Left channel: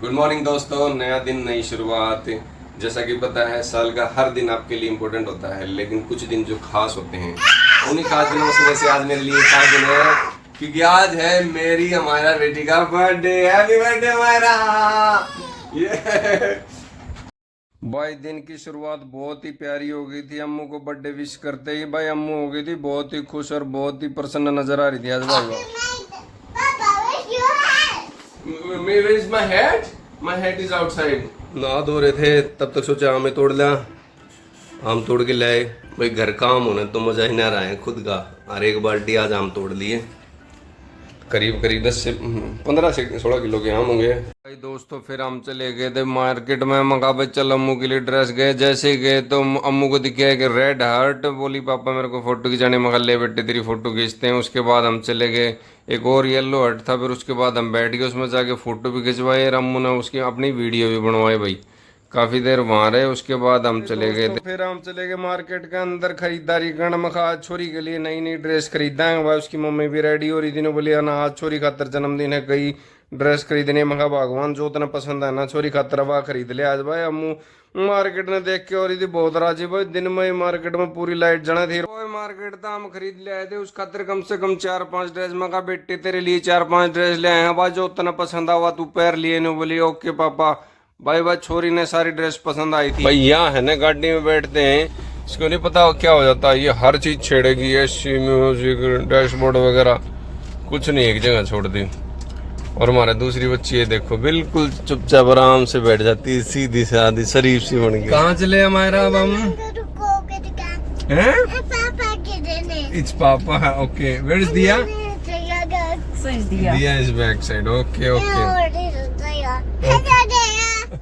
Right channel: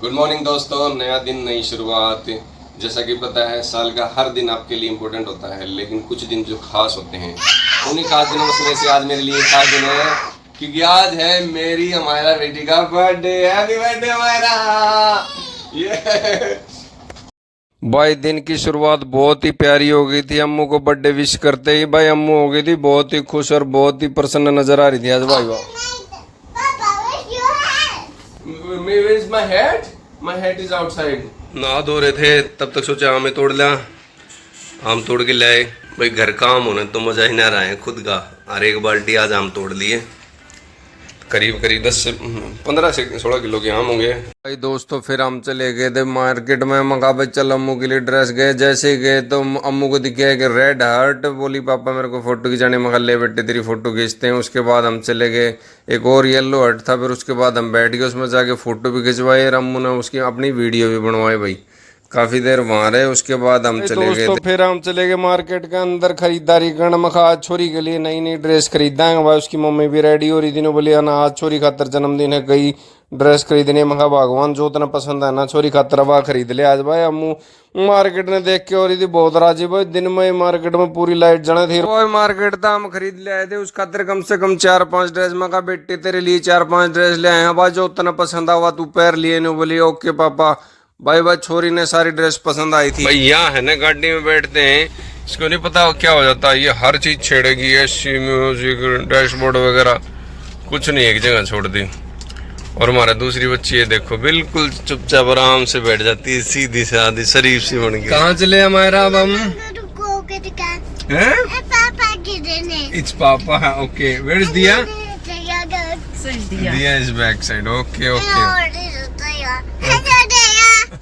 Good morning दोस्तों। नया दिन, नई शुरुआत। जैसा कि पता है, साल का हर दिन आपके लिए इम्पोर्टेंट होता है, लेकिन कुछ दिन जो खास होते हैं, उन्हीं खास दिनों में से आज मेरे लिए खास दिन है, क्योंकि आज है मेरी हमारा बेटी का बर्थडे। हैप्पी बर्थडे हमारा। ये भाई दिन की शुरुआत बहुत ही प्यारी हो गई थी। अम्मू को बर्थडे विश करते ही भाई अम्मू हो गई थी बहुत ही खुश और बहुत ही प्रसन्न नजर आ रही थी आज भाई। Where is my hat? My hat is outside. नहा धो रहे थे, तब तक सोचा आम तोड़ लिया। आम तोड़ के लाए भाई, घर का आम होने तो मजा ही ना रहा है खुद का। और एक बाल्टी आज आम तोड़ लिए, करीब करीब 10 से 15 से 16 किलो के आम होंगे भाई। दोस्तों फिर हम चले गए थे मार्केट में। मंगा भाई चल अम्मू के लिए ड्रेस। गए जैसे ही गए तो अम्मू को दिखा कि रेड हार्ट। बोली पापा मेरे को फोटो खिंचाने। मगर ले बेटे तेरी फोटो खींचते हैं। उसके बाद हम चले गए, एक और येलो हार्ट था। फिर उसके बाद हम बैठ गए, उसमें जाके फोटो भी खिंचवाए और अम्मू ने उसकी अपनी वीडियो भी बनवाई भाई। काफी देर वहां रहे, उसके बाद हम चले गए थे। फिर हम चले गए मार्केट के अंदर खरीदारी करने। मखा आज छोरी के लिए नई नई ड्रेस खरीदाएंगे भाई। उसकी मम्मी भी रेडी हो रही थी, बोली ना आज छोरी खातर जन्मदिन है, कई ड्रेस खरीदने। मखा भगवान जो इतना पसंद है ना छोरी खातर वह खरीद ले आज भाई। अम्मू मार्केट में देख के हो रही थी बहुत राजी भाई। दिन में मार्केट में पूरी लाइट जने थी भाई। मार्केट था, हम खरीद ले आए थे उस खातर कम से कम 4-5 ड्रेस। मखा बेटे तेरे लिए 4-5 ड्रेस ले आए हैं भाई, जो उतना पसंद हुआ तू पैर लिए। बोली ओके पापा। भाई भाई छोरी ने सारी ड्रेस पसंद आई थी भाई। यहाँ है ना गाड़ी में बैठते हैं, इसको नहीं पता क्या हो जाता है, ये हर चीज छेड़ेगी। एसी म्यूजिक डैशबोर्ड वगैरह कुछ नहीं एक जगह छोड़ दी। और हमारा दूसरी बच्ची है देखो, बिल्कुल चुपचाप आराम से बैठ जाती है, सीधी सादी शरीफ सी बन गई। कहाँ चले हमारा अब हम? इट्स पापा। ओके वेयर इज दिया? दिया is back side. Okay okay.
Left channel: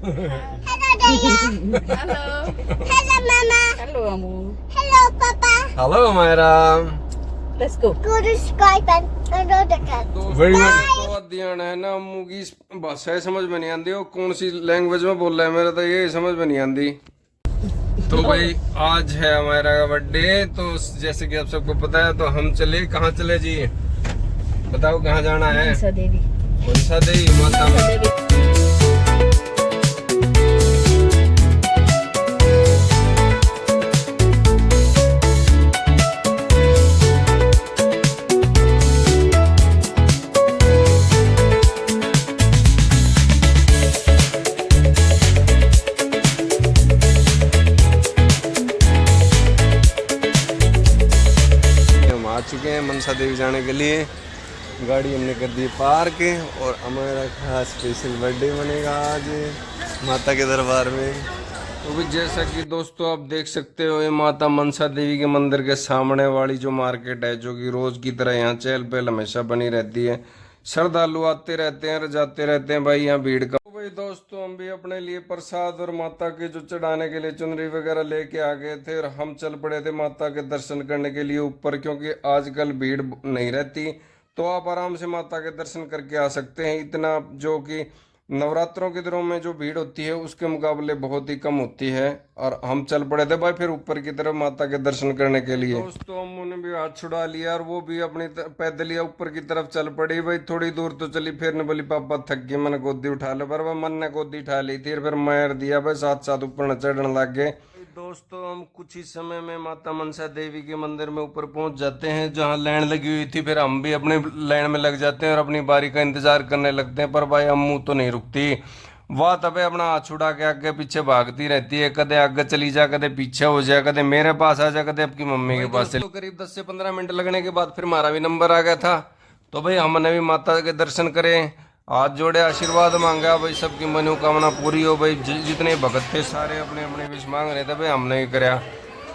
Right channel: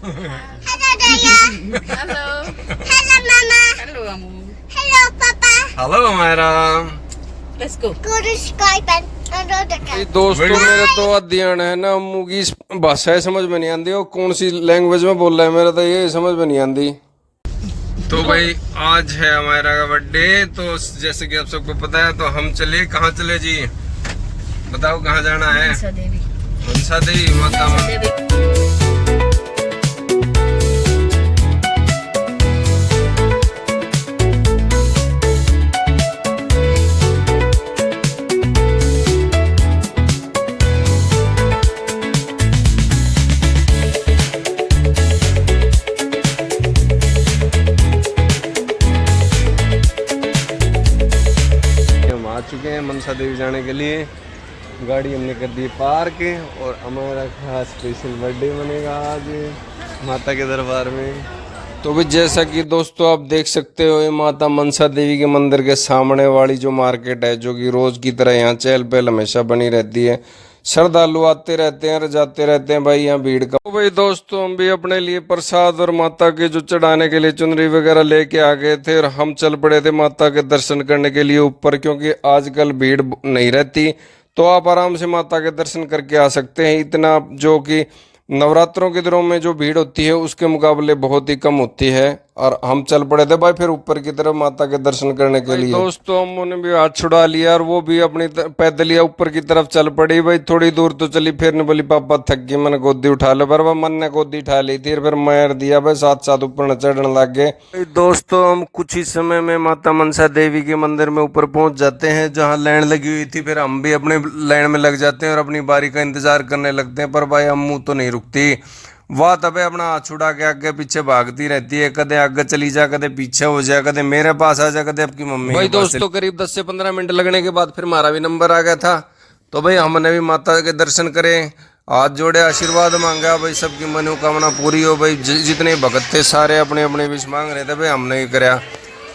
Hello, Mama. Hello, Amu. Hello, Papa. Hello हमारा। Let's go. Go to Skype and दोस्तों मेरे तो अध्ययन है ना, अम्मू की भाषा समझ में नहीं आती, वो कौन सी लैंग्वेज में बोल रहा है, मेरा तो ये समझ में नहीं आती। तो भाई आज है हमारा बर्थडे, तो जैसे कि आप सबको पता है, तो हम चले, कहाँ चले जी बताओ, कहाँ जाना है? मनसा देवी। मनसा देवी माता। आ चुके हैं मनसा देवी जाने के लिए। गाड़ी हमने कर दी पार्क, और हमारा खास स्पेशल बर्थडे बनेगा आज माता के दरबार में। तो भी जैसा कि दोस्तों आप देख सकते हो, ये माता मनसा देवी के मंदिर के सामने वाली जो मार्केट है, जो कि रोज की तरह यहाँ चहल पहल हमेशा बनी रहती है। श्रद्धालु आते रहते हैं और जाते रहते हैं भाई, यहाँ भीड़ का। तो भाई दोस्तों हम भी अपने लिए प्रसाद और माता के जो चढ़ाने के लिए चुनरी वगैरह लेके आ गए थे, और हम चल पड़े थे माता के दर्शन करने के लिए ऊपर, क्योंकि आजकल भीड़ नहीं रहती, तो आप आराम से माता के दर्शन करके आ सकते हैं। इतना जो कि नवरात्रों के दिनों में जो भीड़ होती है उसके मुकाबले बहुत ही कम होती है। और हम चल पड़े थे भाई फिर ऊपर की तरफ माता के दर्शन करने के लिए। दोस्तों हमने भी हाथ छुड़ा लिया, और वो भी अपनी पैदल या ऊपर की तरफ चल पड़ी भाई। थोड़ी दूर तो चली, फिर ने बोली पापा थक गई, मैंने गोदी उठा लो। पर वह मन ने गोदी उठा ली थी, फिर मार दिया भाई, साथ साथ ऊपर चढ़ने लग गए। दोस्तों हम कुछ ही समय में माता मनसा देवी के मंदिर में ऊपर पहुंच जाते हैं, जहाँ लाइन लगी हुई थी। फिर हम भी अपने लाइन में लग जाते हैं और अपनी बारी का इंतजार करने लगते हैं। पर भाई अम्मू तो नहीं रुकती, वाह तबे अपना हाथ छुड़ा के आगे पीछे भागती रहती है। कदे आगे चली जा, कदे पीछे हो जाए, कदे मेरे पास आ जा, कदे आपकी मम्मी के पास। दोस्तों करीब 10 से 15 मिनट लगने के बाद फिर हमारा भी नंबर आ गया था। तो भाई हमने भी माता के दर्शन करे, हाथ जोड़े, आशीर्वाद मांगा भाई, सबकी मनोकामना पूरी हो भाई। जितने भगत थे सारे अपने अपने विश मांग रहे थे भाई, हमने भी कराया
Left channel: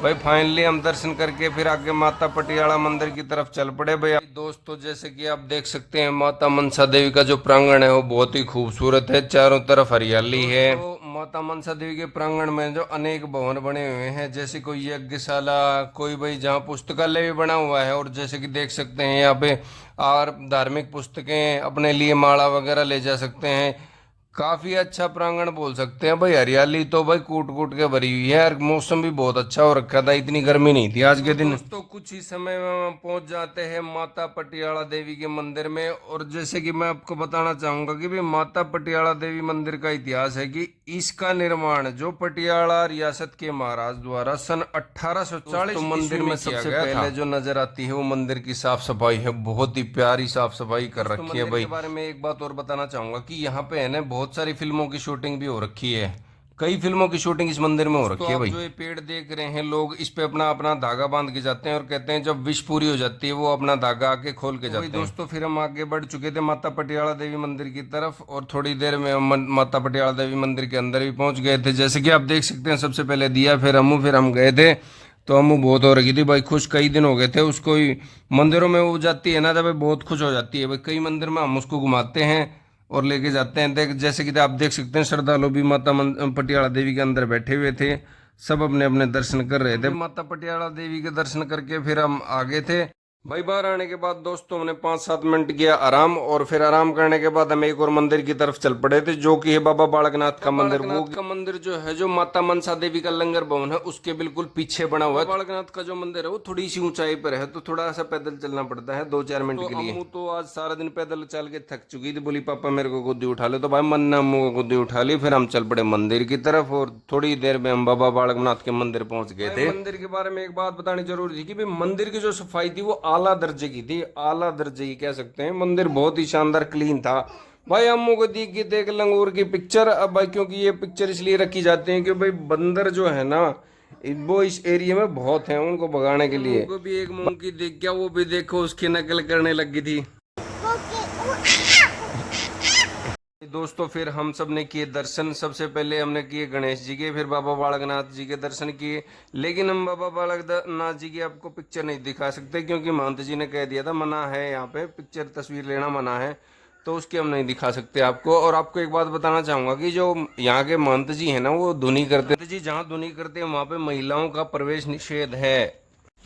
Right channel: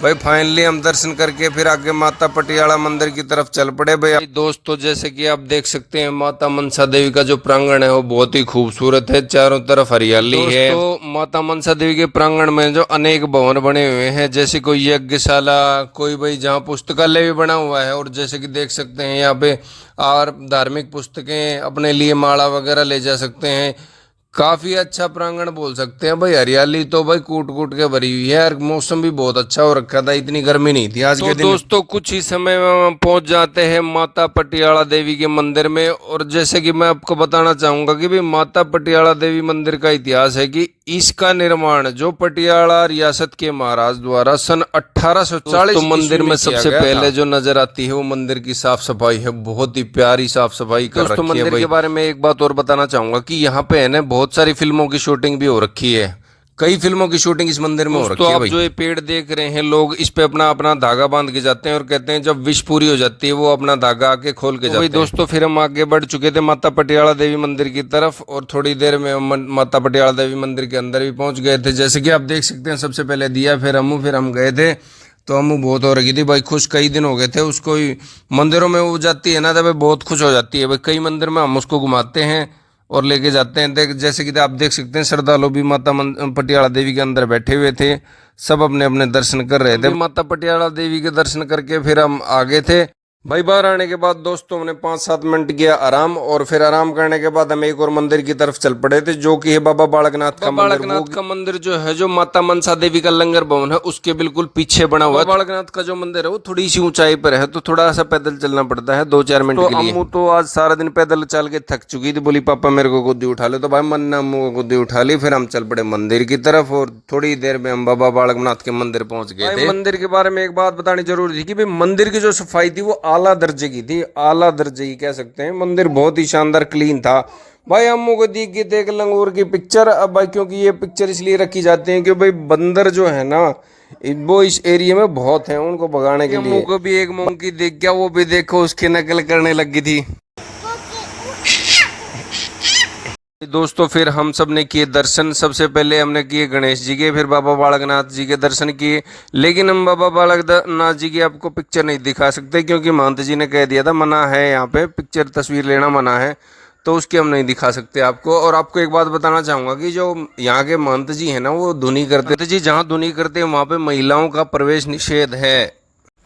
भाई। फाइनली हम दर्शन करके फिर आगे माता पटियाला मंदिर की तरफ चल पड़े भाई। दोस्तों जैसे कि आप देख सकते हैं, माता मनसा देवी का जो प्रांगण है वो बहुत ही खूबसूरत है, चारों तरफ हरियाली है। तो माता मनसा देवी के प्रांगण में जो अनेक भवन बने हुए हैं, जैसे कोई यज्ञशाला, कोई भाई जहाँ पुस्तकालय भी बना हुआ है, और जैसे कि देख सकते हैं यहाँ पे और धार्मिक पुस्तकें अपने लिए माला वगैरह ले जा सकते हैं। काफी अच्छा प्रांगण बोल सकते हैं भाई। हरियाली तो भाई कूट कूट के भरी हुई है और मौसम भी बहुत अच्छा हो रखा था, इतनी गर्मी नहीं थी आज के दिन। दोस्तों कुछ ही समय में हम पहुंच जाते हैं माता पटियाला देवी के मंदिर में। और जैसे कि मैं आपको बताना चाहूंगा कि भाई माता पटियाला देवी मंदिर का इतिहास है कि इसका निर्माण जो पटियाला रियासत के महाराज द्वारा सन 1840 तो मंदिर में सबसे पहले जो नजर आती है वो मंदिर की साफ सफाई है। बहुत ही प्यारी साफ सफाई कर रखी है। मंदिर के बारे में एक बात और बताना चाहूंगा कि यहाँ पे है ना बहुत सारी फिल्मों की शूटिंग भी हो रखी है। कई फिल्मों की शूटिंग इस मंदिर में हो रखी है। तो आप जो ये पेड़ देख रहे हैं, लोग इस पे अपना अपना धागा बांध के जाते हैं और कहते हैं जब विश पूरी हो जाती है वो अपना धागा आके खोल के जाते हैं। दोस्तों फिर हम आगे बढ़ चुके थे माता पटियाला देवी मंदिर की तरफ और थोड़ी देर में हम माता पटियाला देवी मंदिर के अंदर भी पहुंच गए थे। जैसे कि आप देख सकते हैं, सबसे पहले दिया, फिर हम गए थे। तो अम्मू बहुत हो रही थी भाई खुश, कई दिन हो गए थे उसको। मंदिरों में वो जाती है ना तब बहुत खुश हो जाती है भाई। कई मंदिर में हम उसको घुमाते हैं और लेके जाते हैं। जैसे कि आप देख सकते हैं श्रद्धालु भी माता पटियाला देवी के अंदर बैठे हुए थे, सब अपने अपने दर्शन कर रहे थे। माता पटियाला देवी के दर्शन करके फिर हम आगे थे भाई। बाहर आने के बाद दोस्तों हमने 5-7 मिनट किया आराम, और फिर आराम करने के बाद हम एक और मंदिर की तरफ चल पड़े थे जो कि है बाबा बालकनाथ का मंदिर। बालकनाथ का मंदिर जो है, जो माता मनसा देवी का लंगर भवन है उसके बिल्कुल पीछे बना हुआ है। बालकनाथ का जो मंदिर है वो थोड़ी सी ऊंचाई पर है, तो थोड़ा सा पैदल चलना पड़ता है 2-4 मिनट के लिए। अम्मू तो आज सारा दिन पैदल चल के थक चुकी थी, बोली पापा मेरे को गोदी उठा ले। तो भाई मन ने अम्मू को गोदी उठा ली। फिर हम चल पड़े मंदिर की तरफ और थोड़ी देर में हम बाबा बालकनाथ के मंदिर पहुंच गए थे। मंदिर के बारे में एक बात बतानी जरूरी थी कि भाई मंदिर की जो सफाई थी वो आला दर्जे की थी, आला दर्जे की कह सकते हैं। मंदिर बहुत ही शानदार क्लीन था भाई। अम्मू को दी की देख लंगूर की पिक्चर। अब भाई क्योंकि ये पिक्चर इसलिए रखी जाती है कि भाई बंदर जो है ना वो इस एरिया में बहुत हैं, उनको भगाने के लिए। अम्मू को भी एक मंकी देख गया, वो भी देखो उसकी नकल करने लगी थी। दोस्तों फिर हम सब ने किए दर्शन। सबसे पहले हमने किए गणेश जी के, फिर बाबा बालकनाथ जी के दर्शन किए। लेकिन हम बाबा बालकनाथ जी की आपको पिक्चर नहीं दिखा सकते क्योंकि महंत जी ने कह दिया था मना है, यहाँ पे पिक्चर तस्वीर लेना मना है, तो उसकी हम नहीं दिखा सकते आपको। और आपको एक बात बताना चाहूँगा कि जो यहाँ के महंत जी हैं ना वो धुनी करते जी, जहाँ धुनी करते हैं वहाँ पे महिलाओं का प्रवेश निषेध है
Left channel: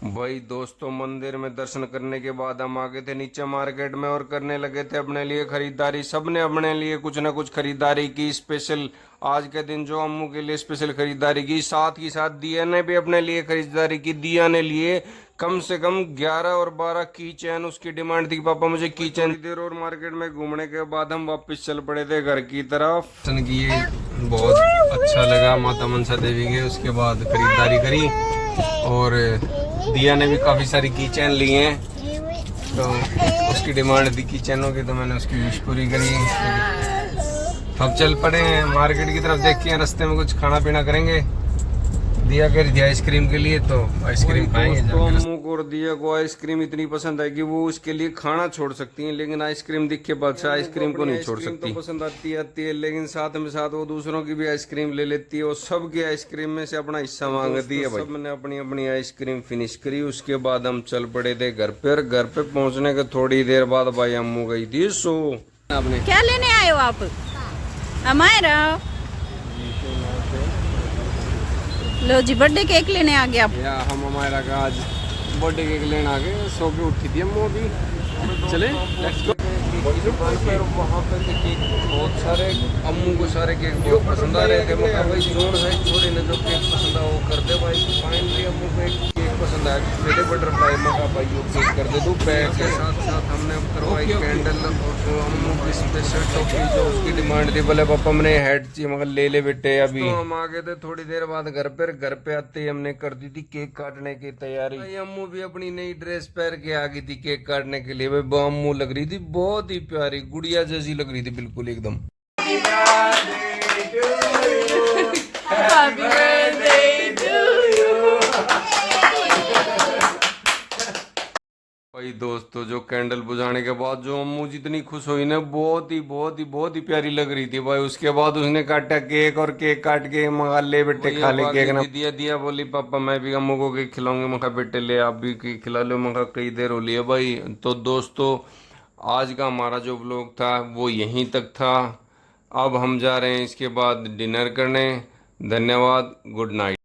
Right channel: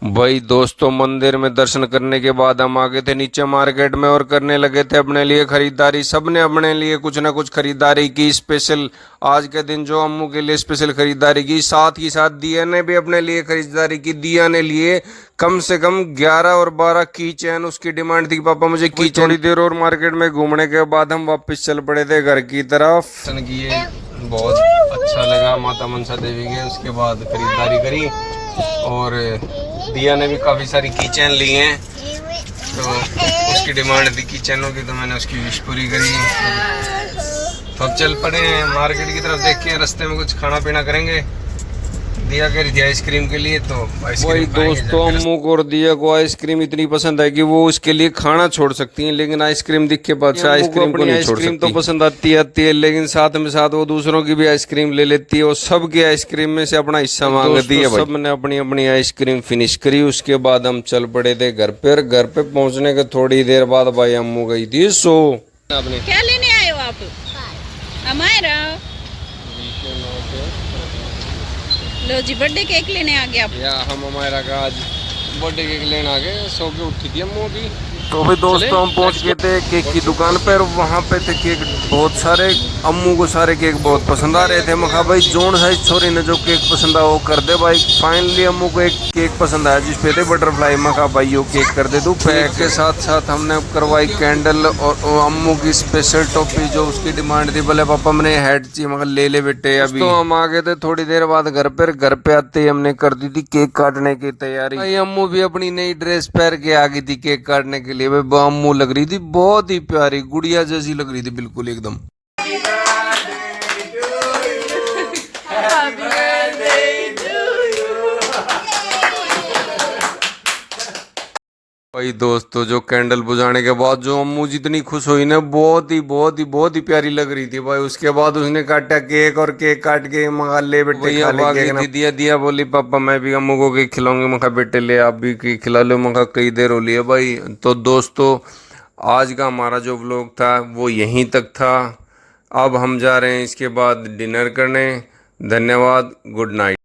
भाई। दोस्तों मंदिर में दर्शन करने के बाद हम आ गए थे नीचे मार्केट में और करने लगे थे अपने लिए खरीदारी। सबने अपने लिए कुछ ना कुछ खरीदारी की। स्पेशल आज के दिन जो अम्मू के लिए स्पेशल खरीदारी की, साथ ही साथ दिया ने भी अपने लिए खरीदारी की। दिया ने लिए कम से कम 11 और 12 की चैन। उसकी डिमांड थी पापा मुझे की चैन। थोड़ी देर और मार्केट में घूमने के बाद हम वापस चल पड़े थे घर की तरफ। दर्शन किए, बहुत अच्छा लगा माता मनसा देवी के। उसके बाद खरीदारी करी और दिया ने भी काफ़ी सारी की चैन ली हैं, तो उसकी डिमांड थी की चैनों की, तो मैंने उसकी विश पूरी करी। तो अब चल पड़े मार्केट की तरफ, देख के रास्ते में कुछ खाना पीना करेंगे। दिया कह रही थी आइसक्रीम के लिए, तो आइसक्रीम दोस्तों अम्मू को और दिया को आइसक्रीम इतनी पसंद है कि वो उसके लिए खाना छोड़ सकती हैं, लेकिन आइसक्रीम दिख के बाद से आइसक्रीम को नहीं छोड़ सकती। तो पसंद आती है लेकिन साथ में साथ वो दूसरों की भी आइसक्रीम ले लेती है और सबकी आइसक्रीम में से अपना हिस्सा मांगती है। सबने अपनी अपनी आइसक्रीम फिनिश करी। उसके बाद हम चल पड़े थे घर पे। घर पे पहुंचने के थोड़ी देर बाद भाई अम्मू गई थी सो। आपने क्या लेने आए हो आप? हमारा लो जी बर्थडे केक लेने आ गए आप। या हम हमारा का आज बर्थडे केक लेने आ गए। सो के उठी थी अम्मू भी। तो भाई दोस्तों हम पहुंच गए थे केक की दुकान पर। वहाँ पे थे केक बहुत सारे। अम्मू को सारे केक बहुत पसंद आ रहे थे। मैं कहा भाई जोन साइज छोरी ने जो केक पसंद आया वो कर दे भाई। फाइनली अम्मू को एक केक पसंद आया जिस पे थे बटरफ्लाई। मैं कहा भाई वो केक कर दे दूँ। पैक के साथ साथ हमने करवाई कैंडल और अम्मू की स्पेशल टॉफी जो उसकी डिमांड थी। बोले पापा मैंने हेड चाहिए। मगर ले ले बेटे अभी। तो हम आ गए थे थोड़ी देर बाद घर पर। घर पे आते ही हमने कर दी थी केक काटने की तैयारी। भाई अम्मू भी अपनी नई ड्रेस पहन के आ गई थी केक काटने के लिए। अम्मू लग रही थी बहुत ही प्यारी, गुड़िया जैसी लग रही थी बिल्कुल एकदम। भाई दोस्तों जो कैंडल बुझाने के बाद जो अम्मू जितनी खुश हुई ना, बहुत ही प्यारी लग रही थी भाई। उसके बाद उसने काटा केक और केक काट के मंगा ले बेटे खा ले केक ना। दिया बोली पापा मैं भी अम्मू को केक खिलाऊंगी। मैं कहा बेटे ले आप भी केक खिला लो। मैं कहा कई देर हो रही है भाई। तो दोस्तों आज का हमारा जो व्लॉग था वो यहीं तक था। अब हम जा रहे हैं इसके बाद डिनर करने। धन्यवाद, गुड नाइट।